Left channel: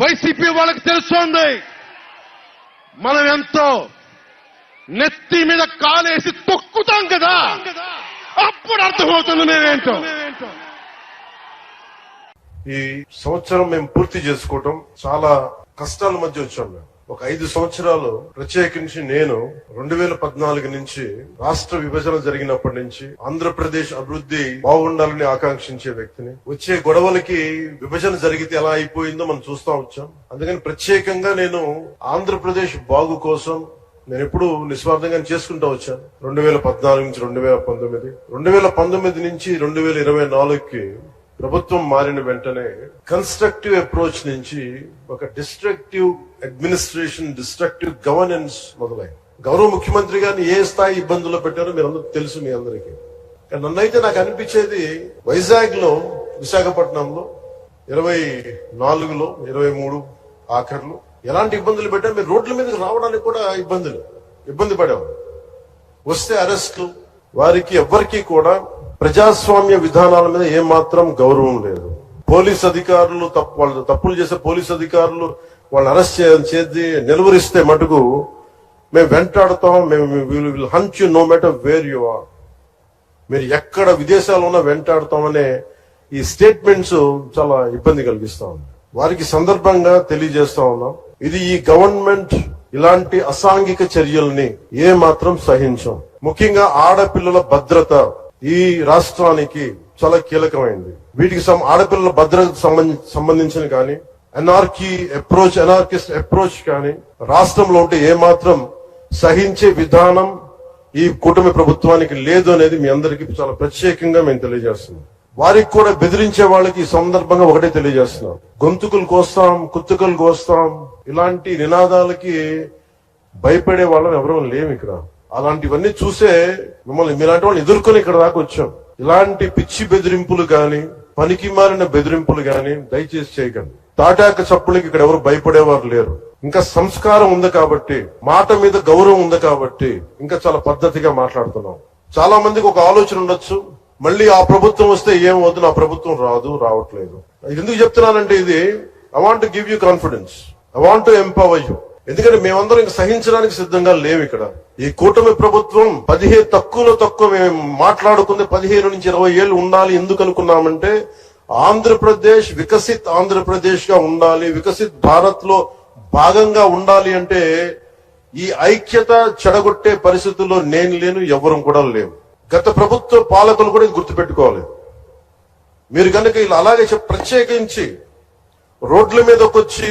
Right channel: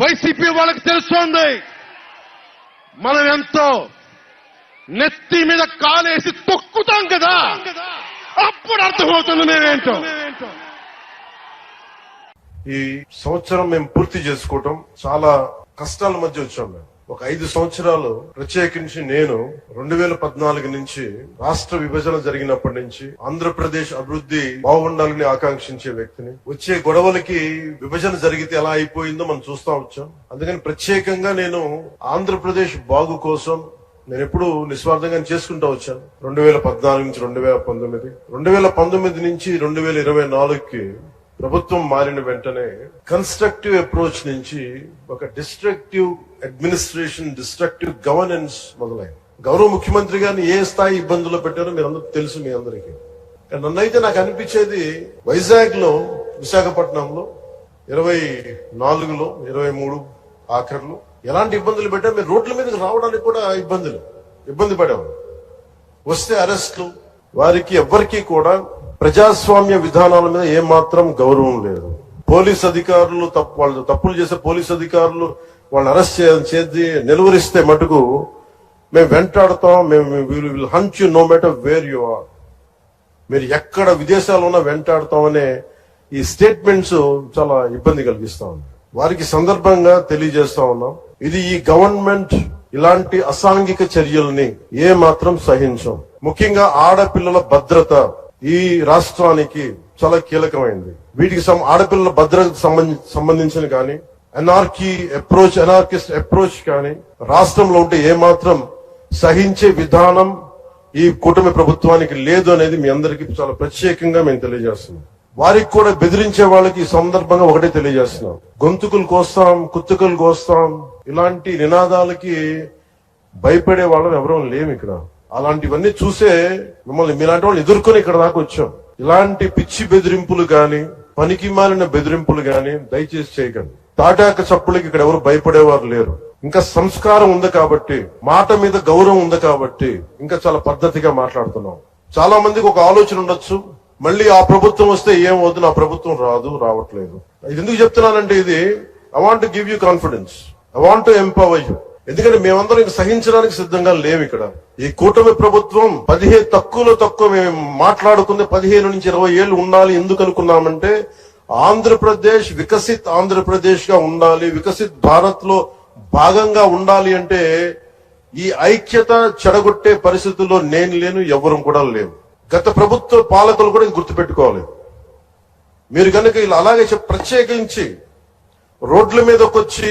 YCP వాళ్ళకి తెలుస్తోంది. మనం ఎంతో నెత్తి మీద కాలేసి తొక్కుతాం కదా. అప్పుడు అర్థమవుతుంది నేనేంటో ఈ సంవత్సరం మేము పూర్తి చేసుకోవటం చాలా కష్టాల మధ్య వచ్చాం మేము. ఒక ఐదు సంవత్సరాలు ప్రత్యేకించి నేను రెండు వేల పద్నాలుగు నుంచి రాష్ట్ర విభజన జరిగినప్పటి నుంచి ఆంధ్రప్రదేశ్ అభివృద్ధి బాగుండాలని ఆకాంక్షించే వ్యక్తిని. వచ్చే గొడవలకి విభజన జరిగితే ఎలా అయిపోయిందో మనం చూస్తా వచ్చాం. అందుకని ప్రత్యేకంగా నేను ఆంధ్రప్రదేశ్ బాగు కోసం నేను ఎప్పుడు నిస్వార్థంగా చేసుకుంటా వచ్చాను. రెండు వేల పద్నాలుగు నుంచి రెండు వేల పంతొమ్మిది. రెండు వేల పంతొమ్మిది నుంచి రెండు వేల ఇరవై నాలుగుకి ప్రభుత్వం మారిన వెంటనే కన్స్ట్రక్టివ్ అప్రోచ్ నుంచి ఒక డిస్ట్రక్టివ్ అడ్మినిస్ట్రేషన్ డిస్ట్రక్టివ్ గవర్నెన్స్ మొదలైంది. గౌరవ ముఖ్యమంత్రి గారిని ఏ స్థాయి ఇబ్బందుల్లో పెట్టారో మీరు అందరూ తెలుసు మీ అందరికీ. నన్నైతే నాకు అనిపించేది వైజాగ్లో విశాఖపట్నంలో ఇరవై నాలుగులో ఇరవై మూడు ఆఖర్లు ఎలాంటి ఇబ్బందులు పెట్టా మీరు రోడ్ల మీదకి రావడానికి కూడా ఇబ్బందులు ఇబ్బంది పడేవారు వస్తే అరెస్టులు వారికి ఎవ్వరికీ కూడా ప్రజాస్వామ్య విధానాల మీద ఏమాత్రం గౌరవం లేదు. పోలీస్ అధికారులు తప్పు వాళ్ళు తప్పులు చేసే పోలీస్ అధికారులు వాళ్ళు అరెస్ట్ చేసి నిలువరిస్తే మటుకు మేము వెంటాడుతాం మేము will hunt you no matter where you are మీరు ఎక్కడ విదేశాల్లో ఉన్నా వెంటాడుతామనే ఈ స్టేట్మెంట్స్ చాలా ఇబ్బంది కలిగిస్తా ఉంది. వారికి సందర్భంగా తెలియజేస్తా ఉన్నాం. ఇది ఈ గవర్నమెంట్ ఇలాంటి అసాంఘిక చర్యల్ని ఏ మాత్రం సహించం. ముఖ్యంగా ఆడపిల్లల భద్రత ఈ రాష్ట్రానికి చాలా కీలకమైంది. వీటికి సం- ఆడపిల్లల భద్రతకు సంబంధించిన కానీ ఎన్ఆర్కీ అప్రోచ్ ఎన్ఆర్కిస్ట్ అప్రోచ్ కానీ రాష్ట్రంలో ఉంటే ఏమాత్రం సహించే విధానం ఈ కూటమి ప్రభుత్వానికి లేదు అనేది మీ అందరికీ చాలా ప్రత్యేకంగా మేము తెలియజేస్తున్నాం. వారికి కూడా బెదిరించే వాళ్ళకి ఈ సందర్భంగా ఒకటే తెలియజేస్తున్నాం. గొంతుకులు కోస్తాం కుత్తుకలు కోస్తాం ఇలాంటి నినాదాలకి భయపడే వాళ్ళం ఎవరూ లేము ఇక్కడ. అలాంటివన్నీ చూసే మిమ్మల్ని మీలాంటి వాళ్ళు ఎదుర్కొని ఇక్కడ దాకా వచ్చాం. ఇలాంటి పిచ్చి బెదిరింపులు గాని పనికి మారిన బెదిరింపులు గాని దయచేసి చేయకండి. తాటాక చప్పులకి ఇక్కడ ఎవరు భయపడేవారు లేరు. ఇంకా సంస్కారం ఉంది కాబట్టి మాట మీద గౌరవం ఉంది కాబట్టి ఇంకా చాలా పద్ధతిగా మాట్లాడుతున్నాం. చాలా మందికి ఒక ఆలోచన ఉండొచ్చు. మళ్ళీ ఆ ప్రభుత్వం వస్తే ఏం వద్దు నా ప్రభుత్వం రాదు రావట్లేదు. ఎందుకు చెప్తున్నానంటే ఇది I want give you confidence I want empower you ఎందుకంటే మేమందరం ఇంక సహించడానికి సిద్ధంగా లేవు ఇక్కడ. ఈ కూటమి ప్రభుత్వం పదిహేను తక్కువలో తక్కువ మేము మాట్లాడుకుంది పదిహేను నుంచి ఇరవై ఏళ్ళు ఉండాలి ఎందుకు అనుకున్నామంటే ఆంధ్రప్రదేశ్ వికసిత్ ఆంధ్రప్రదేశ్గా ఉండాలి వికసిత్ భారత్లో భాగంగా ఉండాలి అంటే ఈ ఐక్యత చెడగొట్టే పరిస్థితుల్లో నేను లేను ఎవరం కూడా లేవు. గత ప్రభుత్వ పాలకులు కూడా ఇది గుర్తుపెట్టుకోవాలి. మీరు కనుక ఇలా అలాగే ప్రత్యేకించి రోడ్ల మీదకి వచ్చి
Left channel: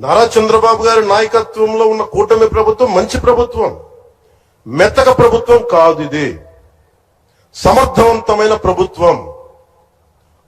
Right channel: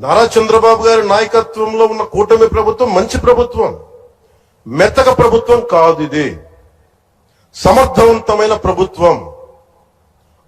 నారా చంద్రబాబు గారి నాయకత్వంలో ఉన్న కూటమి ప్రభుత్వం మంచి ప్రభుత్వం. మెత్తక ప్రభుత్వం కాదు ఇది. సమర్థవంతమైన ప్రభుత్వం.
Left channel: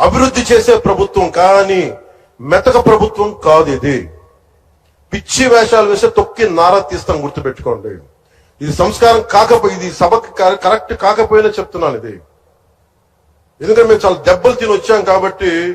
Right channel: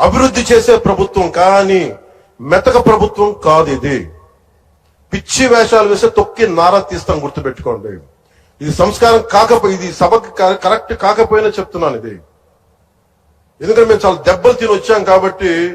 అభివృద్ధి చేసే ప్రభుత్వం కానీ మెతక ప్రభుత్వం కాదు ఇది. పిచ్చి వేషాలు వేస్తే తొక్కి నారా తీస్తాం గుర్తుపెట్టుకోండి. ఇది సంస్కారం కాకపోయి ఇది సభకి కరెక్ట్ కాకపోయినా చెప్తున్నాను ఇది. ఎందుకంటే మేము చాలా దెబ్బలు తిని వచ్చాం కాబట్టి